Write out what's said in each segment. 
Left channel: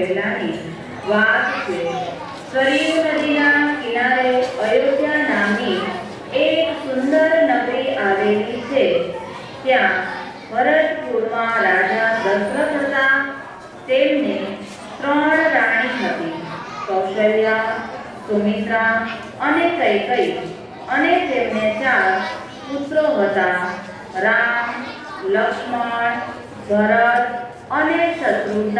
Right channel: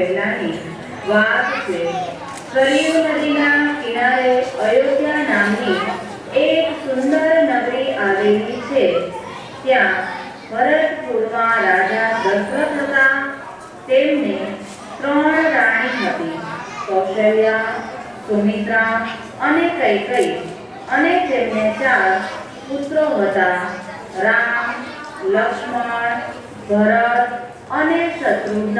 પહેલાની વાત છે। સરયુ નદીના કિનારે અયોધ્યા નામની એક સુંદર નગરી આવેલી છે। ત્યાં ભરતપુરમાં રાજા દશરથ હતા। તેમને 3 રાણી હતી, કૌશલ્યા, સુમિત્રા અને કૈકેયી। અને તેમને 4 પુત્રો હતા, રામ, લક્ષ્મણ, ભરત અને શત્રુઘ્ન।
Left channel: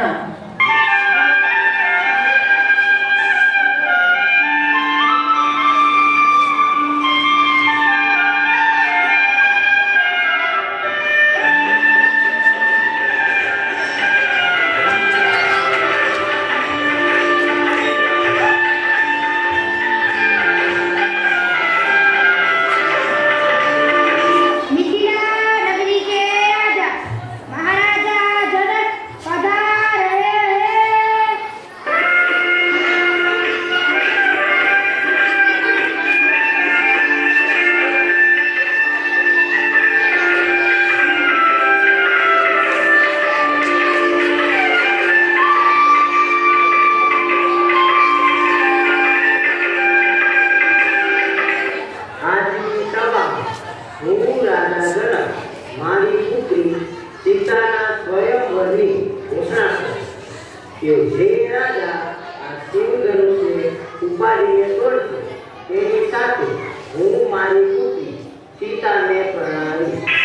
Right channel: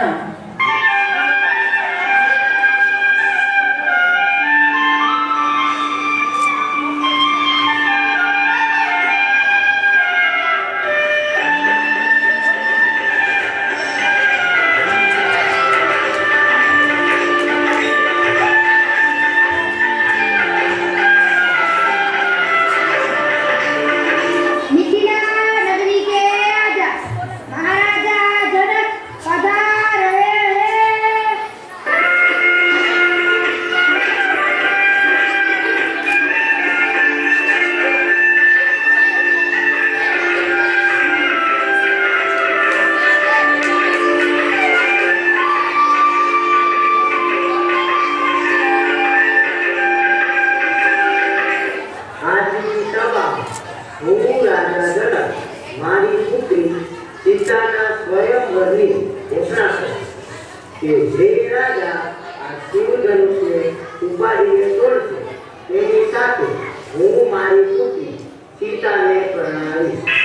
મારી પુત્રી સીતાના સ્વયંવરની ઘોષણા કરી કે જે રાજા આ શિવધનુષ્ય ઉપાડીને તોડશે તેની સાથે હું મારી પુત્રી સીતાને પરણાવીશ।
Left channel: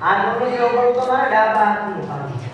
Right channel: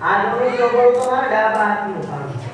આ દોની લોકો તમારા ડાબા હાથનું કામ છે।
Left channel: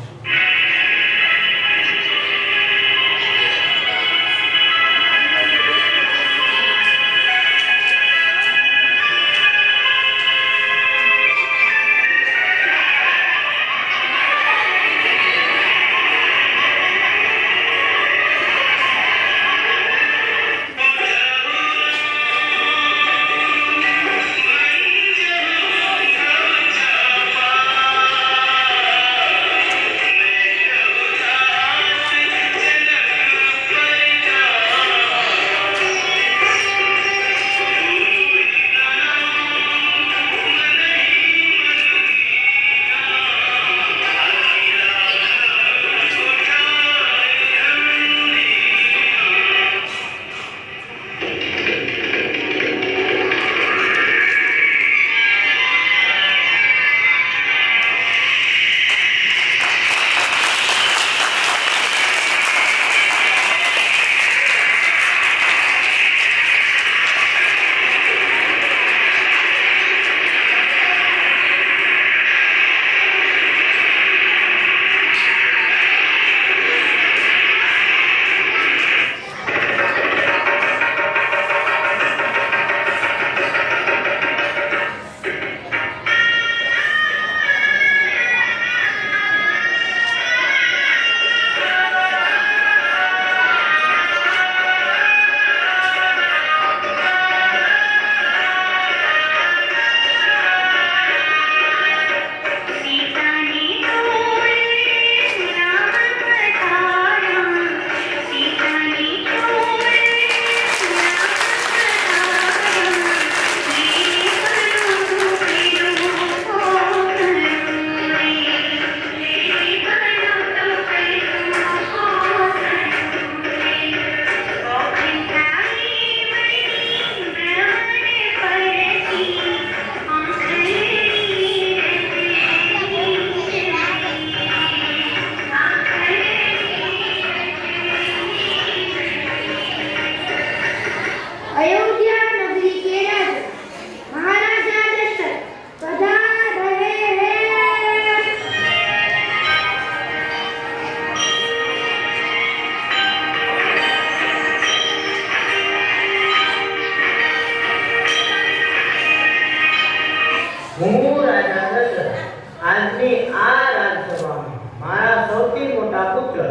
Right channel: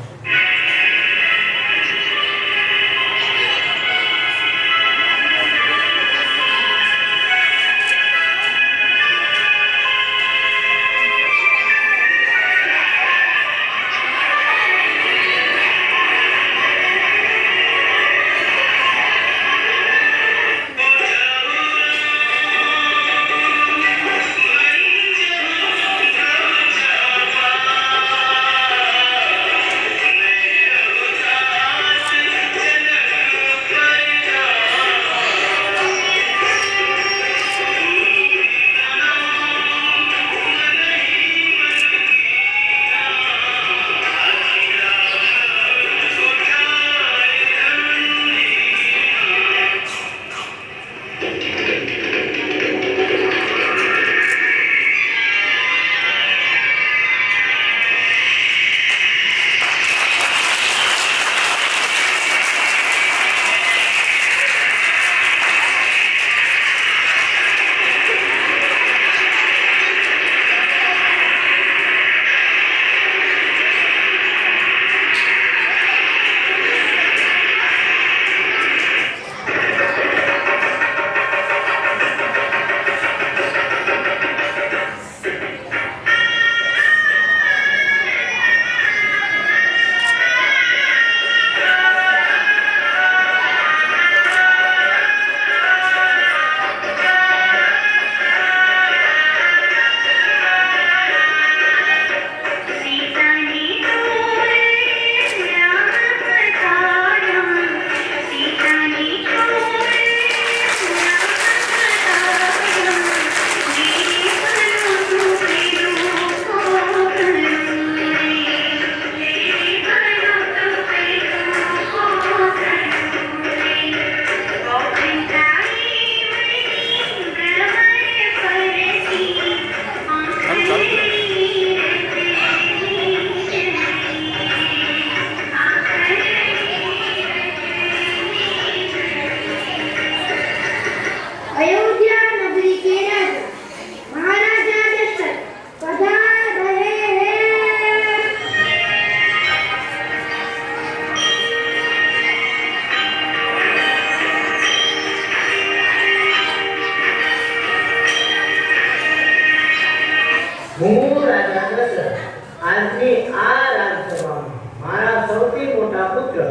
હું રાજા દશરથ આજની આ રાજસભામાં મારા સૌથી મોટા પુત્ર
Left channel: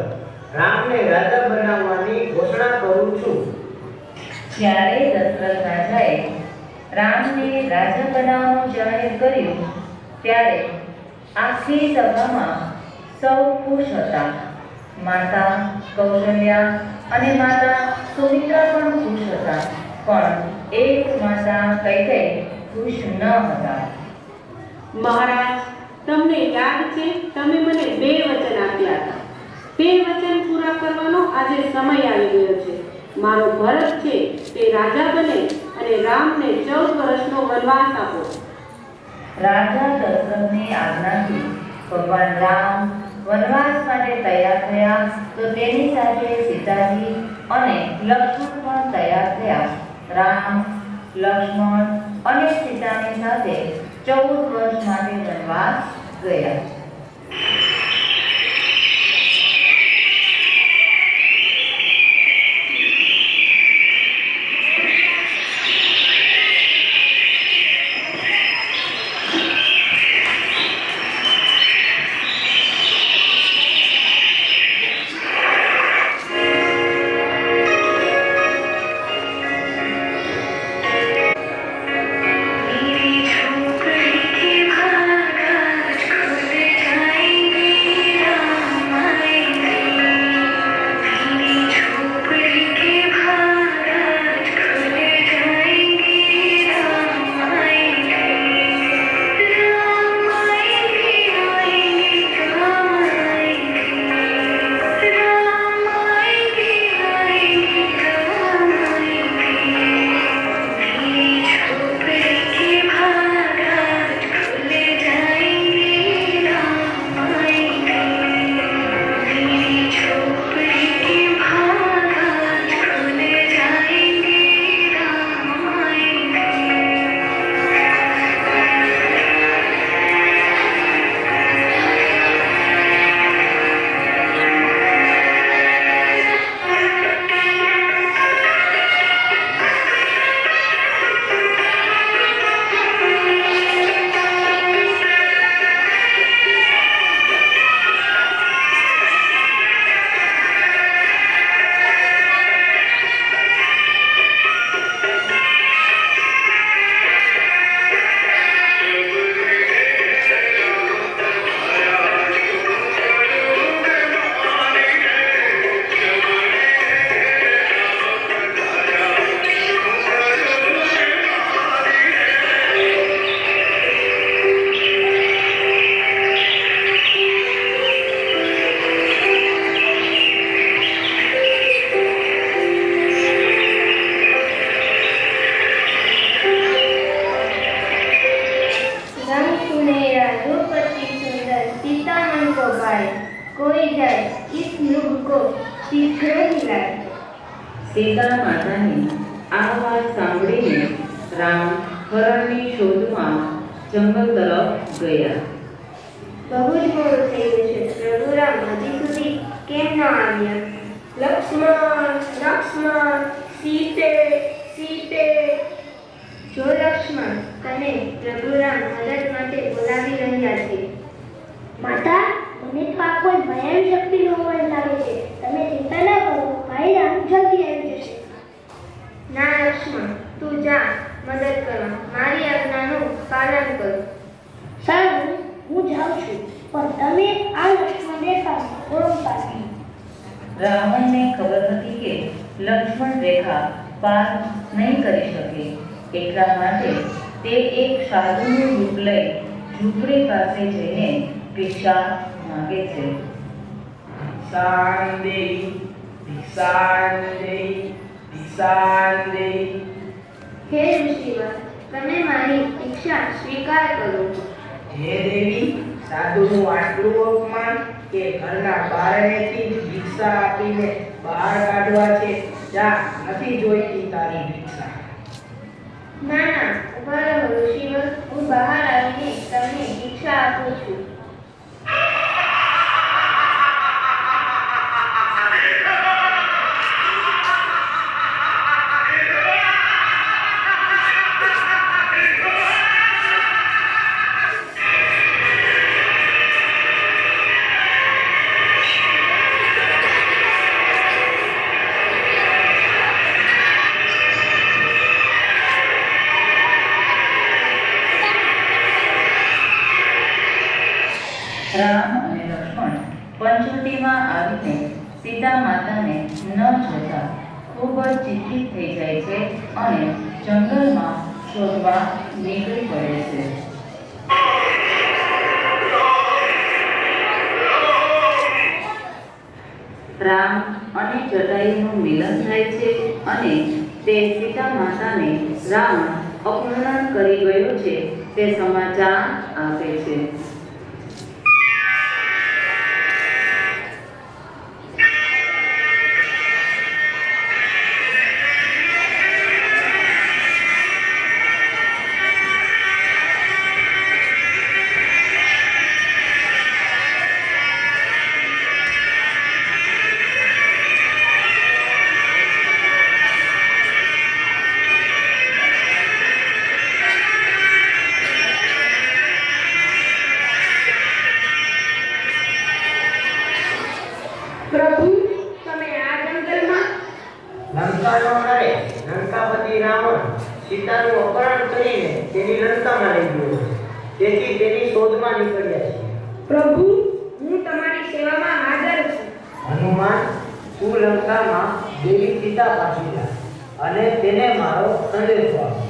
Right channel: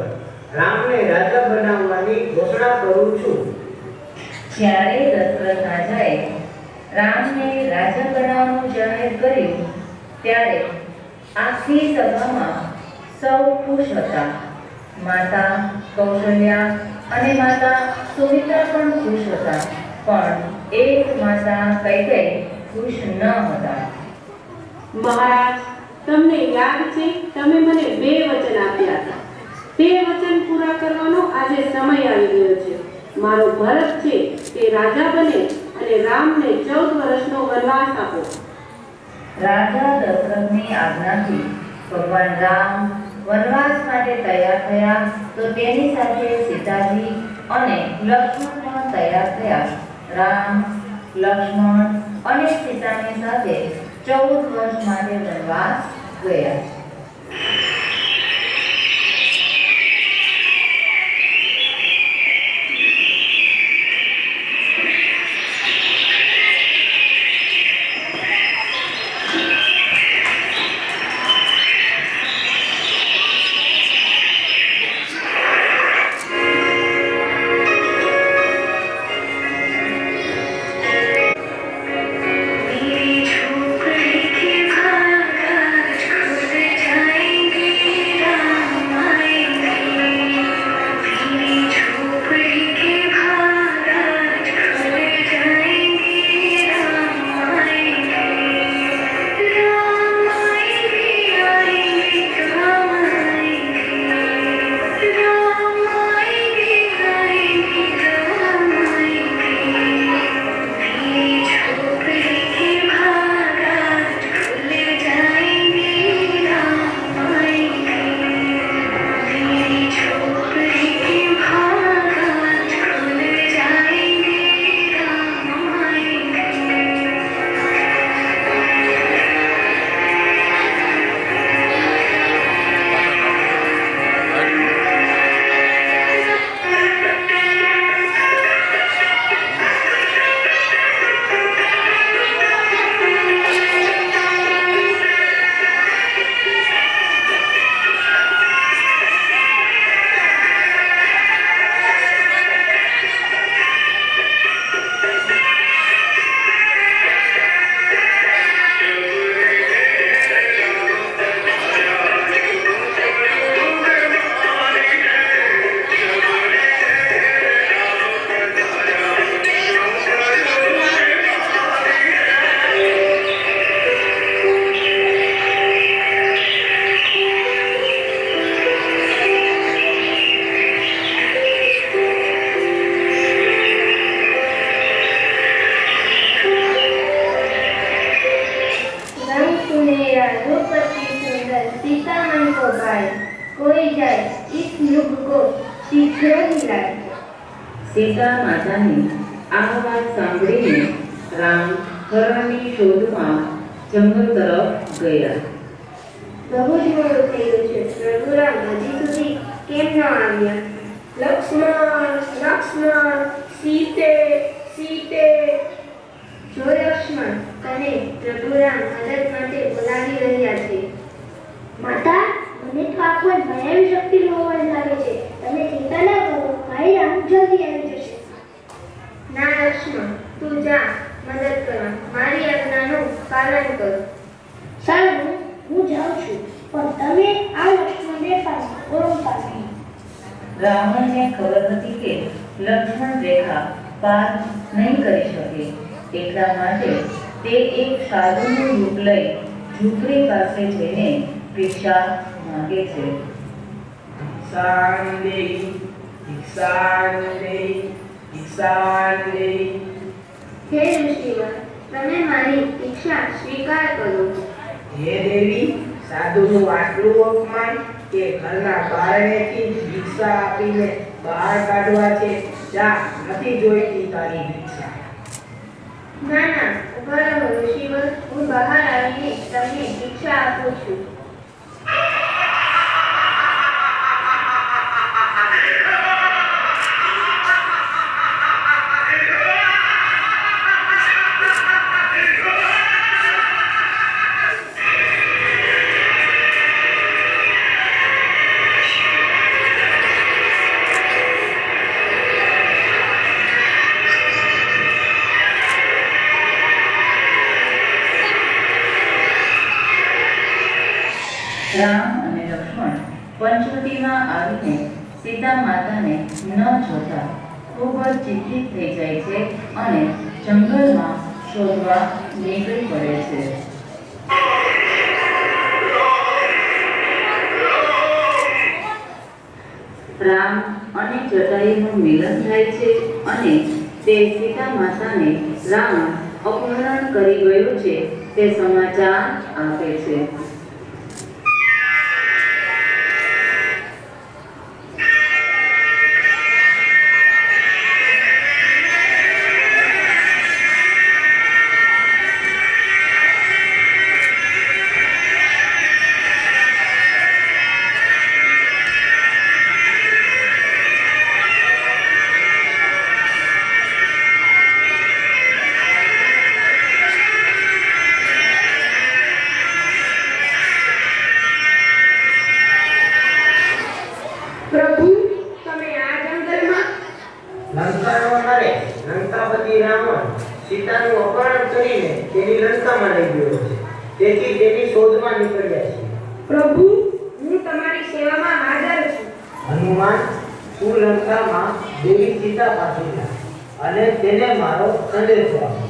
રામને રાજા બનાવવાની ઘોષણા કરું છું. જ્યારે દશરથ રાજાએ રામને રાજા બનાવવાનું જાહેર કર્યું ત્યારે આખી સભામાં સૌ ખુશ હતા. માતા કૌશલ્યા અને માતા સુમિત્રા પણ ખુશ હતા, પણ એક માતા કૈકેયી ખુશ ન હતા. મહારાજ, તમને યાદ છે તમે મને 2 વચન આપ્યા હતા. તે વચન પૂરા કરવાનો આજે સમય આવી ગયો છે. મારો ભરત છે તે રાજા બને અને રામને 14 વર્ષનો વનવાસ આપો. રાજા દશરથની આજ્ઞાથી ભગવાન રામ વનવાસ માટે તૈયાર થયા, તો તેની સાથે સીતાજી અને લક્ષ્મણ પણ તૈયાર થયા. રામ, લક્ષ્મણ અને સીતાની સાથે 14 વર્ષ માટે વનવાસ ગયા. સીતા માતાની આ વાત સાંભળીને રામ હરણની શોધમાં જંગલ તરફ ગયા. બહુ જ મોડું થઈ ગયું છે. પ્રભુ રામ હજી સુધી કેમ ન આવ્યા? લક્ષ્મણ, સીતે. જો લક્ષ્મણ, તને પ્રભુ રામ મદદ માટે બોલાવી રહ્યા છે. માતા, મને તો આ કોઈ ભયાનક શક્તિનો અવાજ લાગે છે. તમે ચિંતા ના કરો, ભાઈ રામ જલ્દી આવી જશે. ના લક્ષ્મણ, તું જા મદદ કરવા. મારી આજ્ઞાનું પાલન કરો. સારું, હું જાઉં છું, પણ તમે આ લક્ષ્મણ રેખા ઓળખતા નહીં. રાવણને ખબર હતી કે લક્ષ્મણ રેખા પાર નહીં કરી શકે. એટલા માટે તે એક સાધુનું રૂપ લઈ ઝૂંપડી પાસે જઈને ભિક્ષા માંગે છે. હે ઋષિવર, તમે મારી ઈચ્છા સ્વીકાર કરો. હે દેવી, સાધુનું આટલું અપમાન કે ઘરના બારણેથી જ ભિક્ષા આપીને બહાર કાઢવા છે. જા, નથી જોઈતી તારી ભિક્ષા. ના, ઉભા રહો ઋષિવર, હું બહાર આવીને તમને ભિક્ષા આપું છું. રામ અને લક્ષ્મણ પંચવટીમાં આવીને સીતા માતાને ન જોતા ખૂબ જ ચિંતિત થઈ જાય છે અને જંગલમાં શોધવા નીકળી પડે છે. રામ અને જટાયુનું મિલન થાય છે અને તે સીતા માતાને રામ અપહરણ કરી ગયો છે તે સમાચાર આપે છે. પ્રભુ, તમે આ જંગલમાં લંકાનો કરે લંકાપતિ રાવણ સીતાનું અપહરણ કરીને તેની લંકામાં લઈ ગયો છે. તેથી તેની શોધમાં નીકળ્યા છે. પ્રભુ, હું તમારી સેવામાં હાજર છું. હનુમાન, તું લંકામાં દેવી સીતા પાસે જા અને તેને મારો સંદેશો આપ.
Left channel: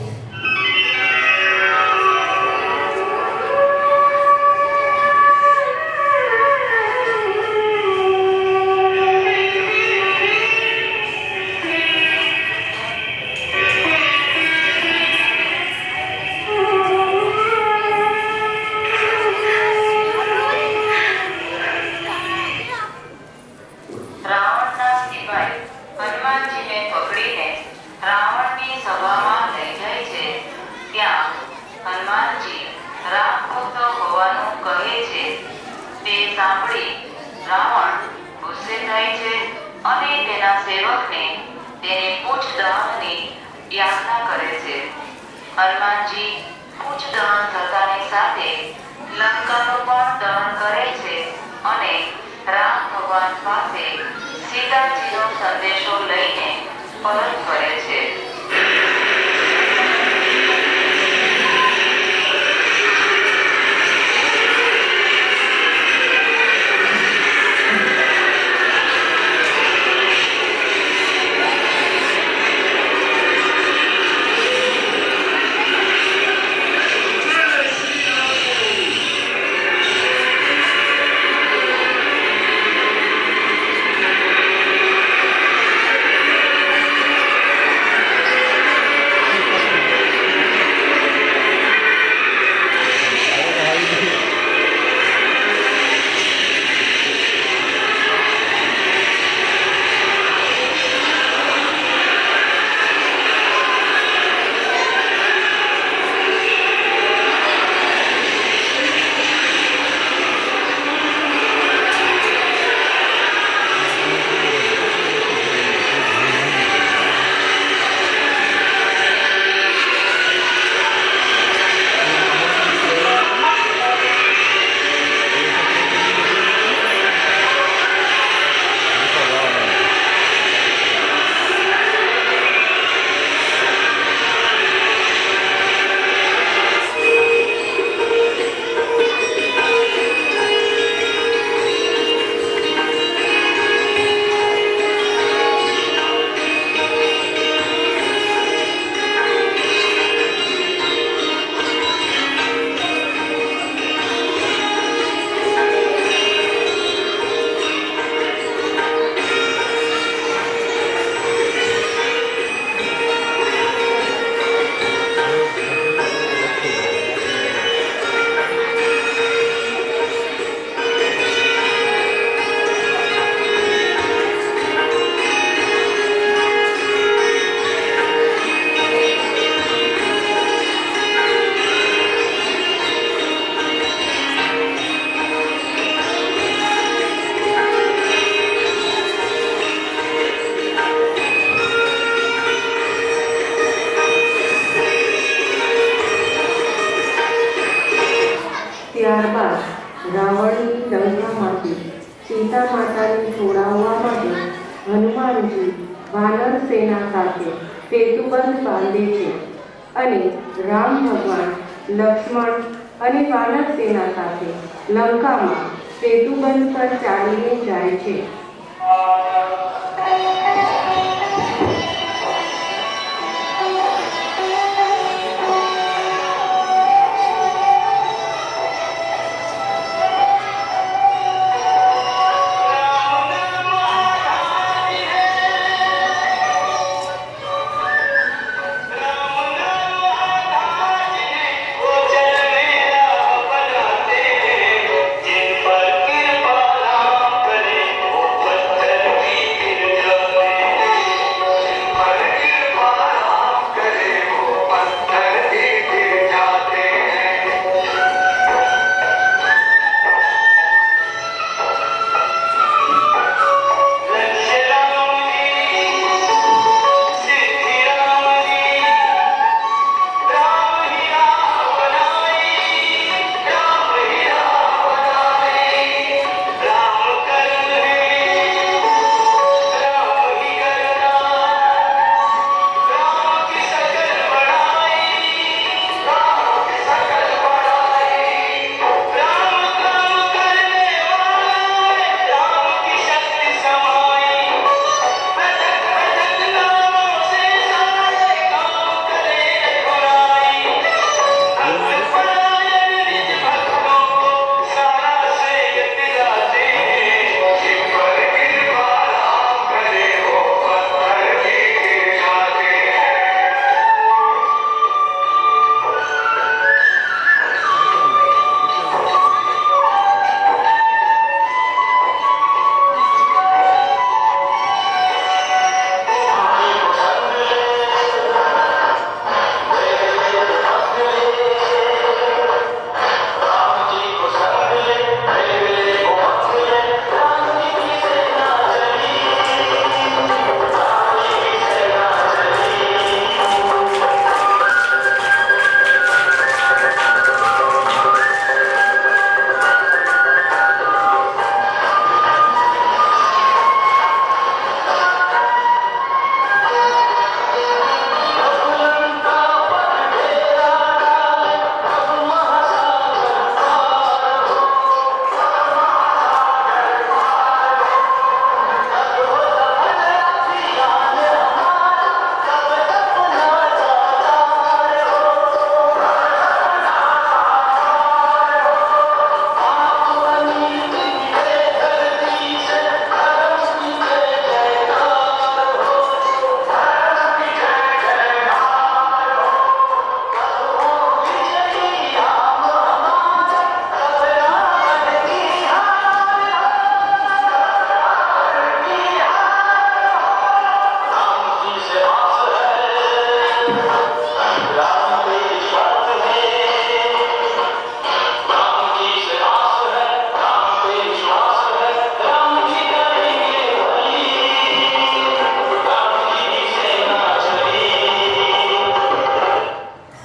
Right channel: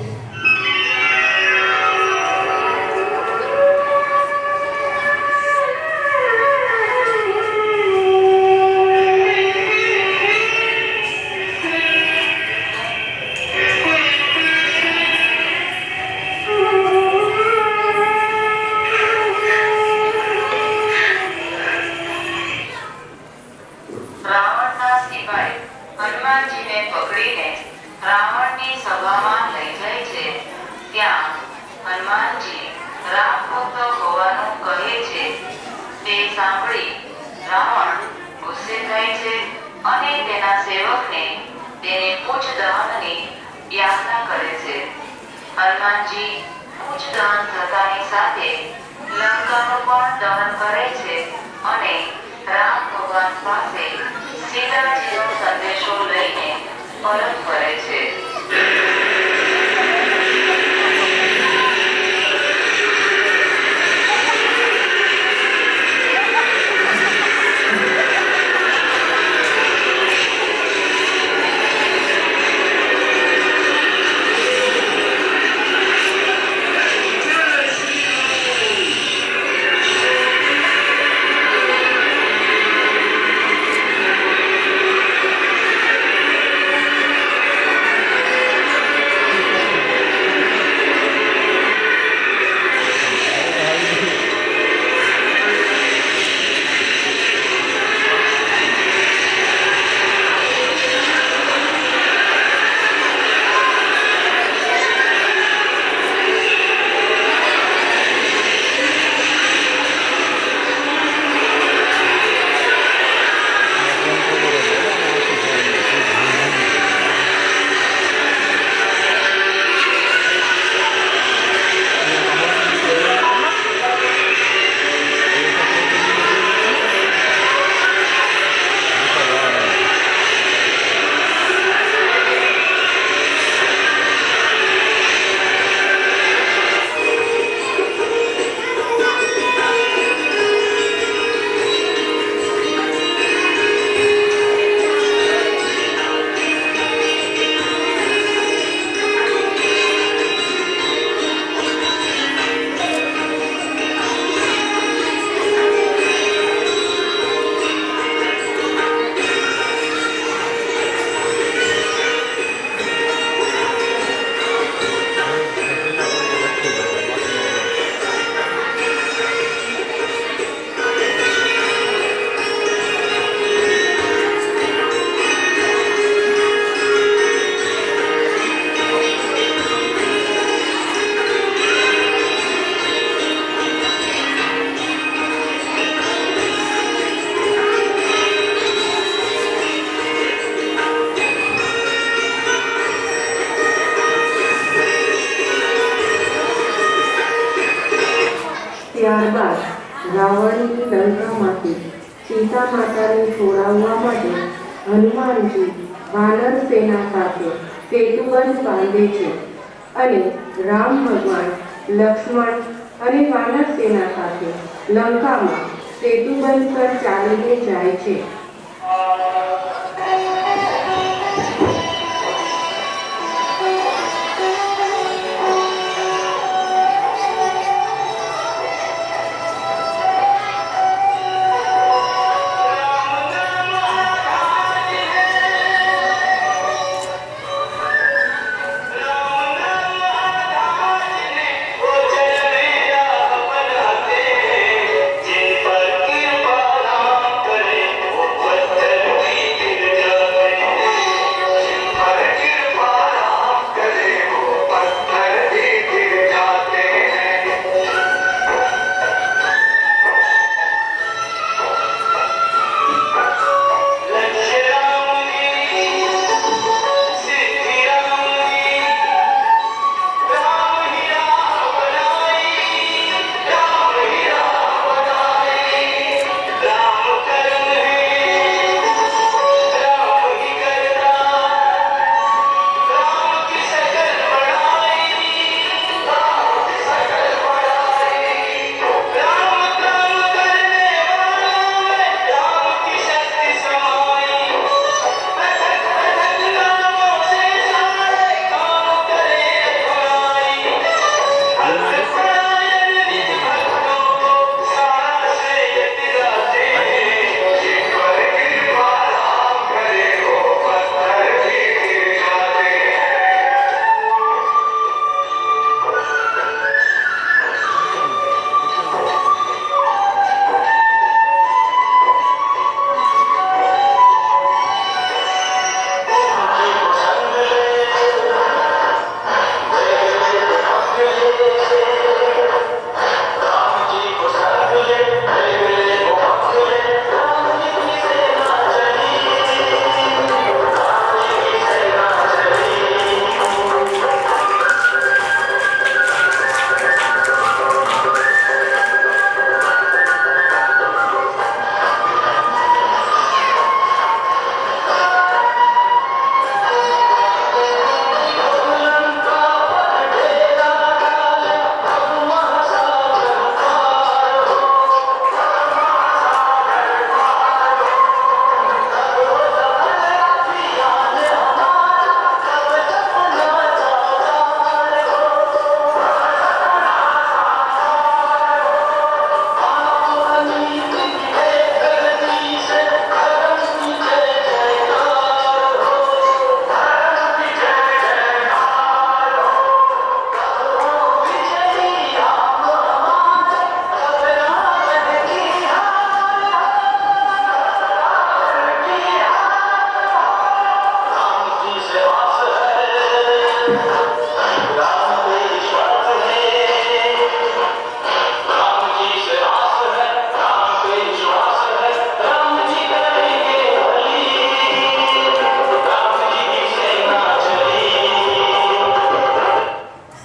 રાવણના સિપાઈ હનુમાનજીને પકડીને રાવણની સભામાં લઈ જાય છે. ત્યાં હનુમાનજી રામ ભક્ત હોવાનું કહે છે. તે સાંભળી રાવણ ગુસ્સે થાય છે અને તેના સેવકને તેની પૂછ દહનની યાચના કરે છે. હનુમાનજી પૂછ દહન થતાની સાથે લંકાનું પણ દહન કરે છે અને રામ ભગવાન પાસે સીતાજીનો સંદેશો લઈને પરત ફરે છે. ત્યારબાદ રાવણની લંકામાંથી સીતા માતાને છોડાવવા માટે હનુમાનજી વાનર સેના સાથે સેતુબંધ બાંધે છે અને રામ ભગવાન, લક્ષ્મણ અને વાનર સેના સાથે લંકામાં સેતુબંધ પર ચાલીને જાય છે.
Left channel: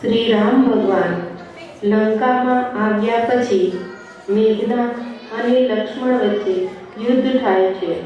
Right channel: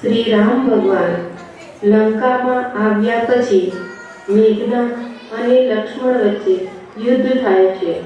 શ્રી રામ ભગવાન લંકામાં આવ્યા પછી મેઘનાથ અને લક્ષ્મણ વચ્ચે યુદ્ધ થાય છે.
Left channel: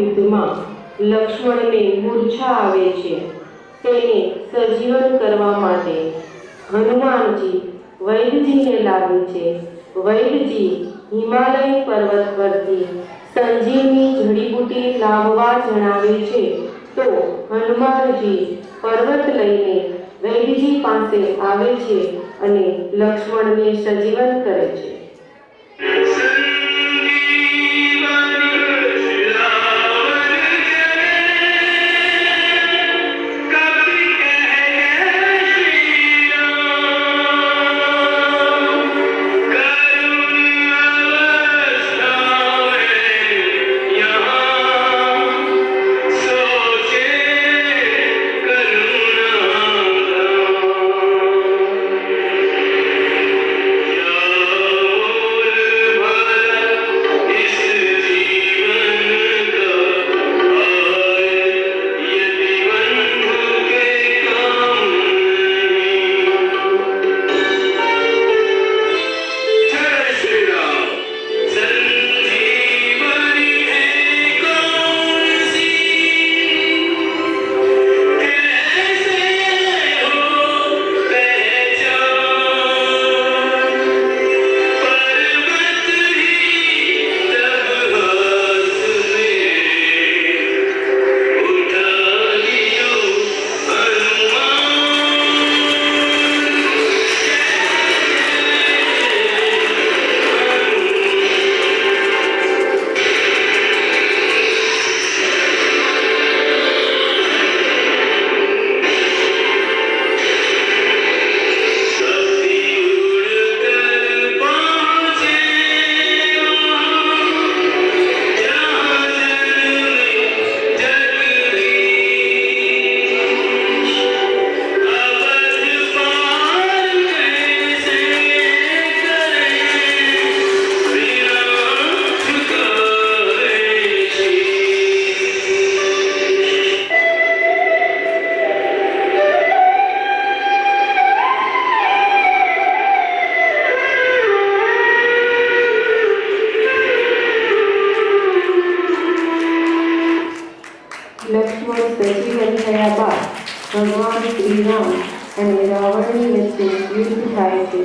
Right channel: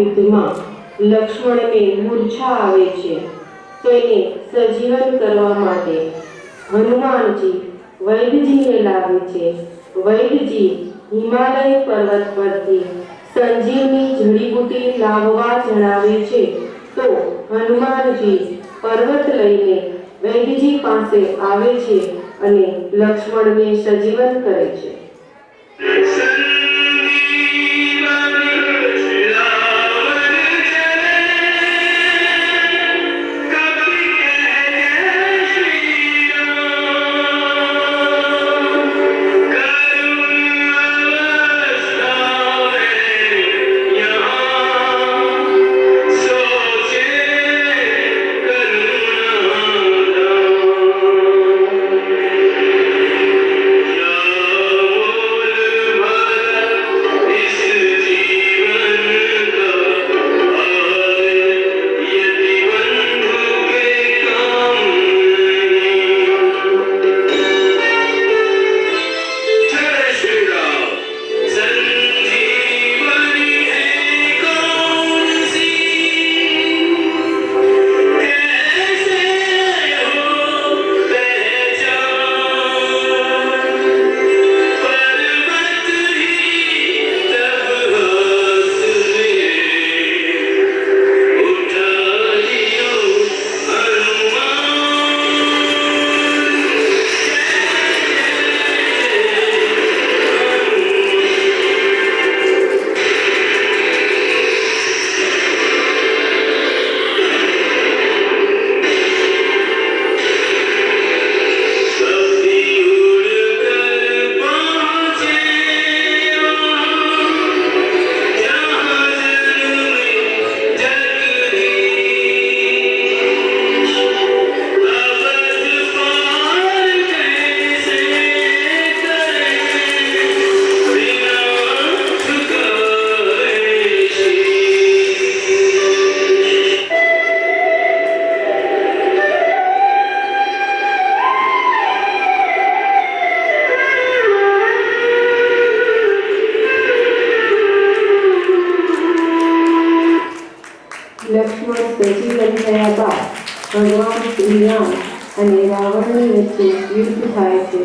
યુદ્ધમાં લક્ષ્મણને મૂર્છા આવે છે. તેને સજીવન કરવા માટે હનુમાનજી વૈદજીને લાવે છે. વૈદજી હિમાલય પર્વત પરથી સંજીવની જડીબુટી લાવવા જણાવે છે. તો હનુમાનજી પર્વત લઈને વૈદજી પાસે આવે છે અને લક્ષ્મણને સજીવન કરે છે. લક્ષ્મણ સજીવન થયા બાદ ભગવાન શ્રી રામ અને રાવણની વચ્ચે યુદ્ધ થાય છે.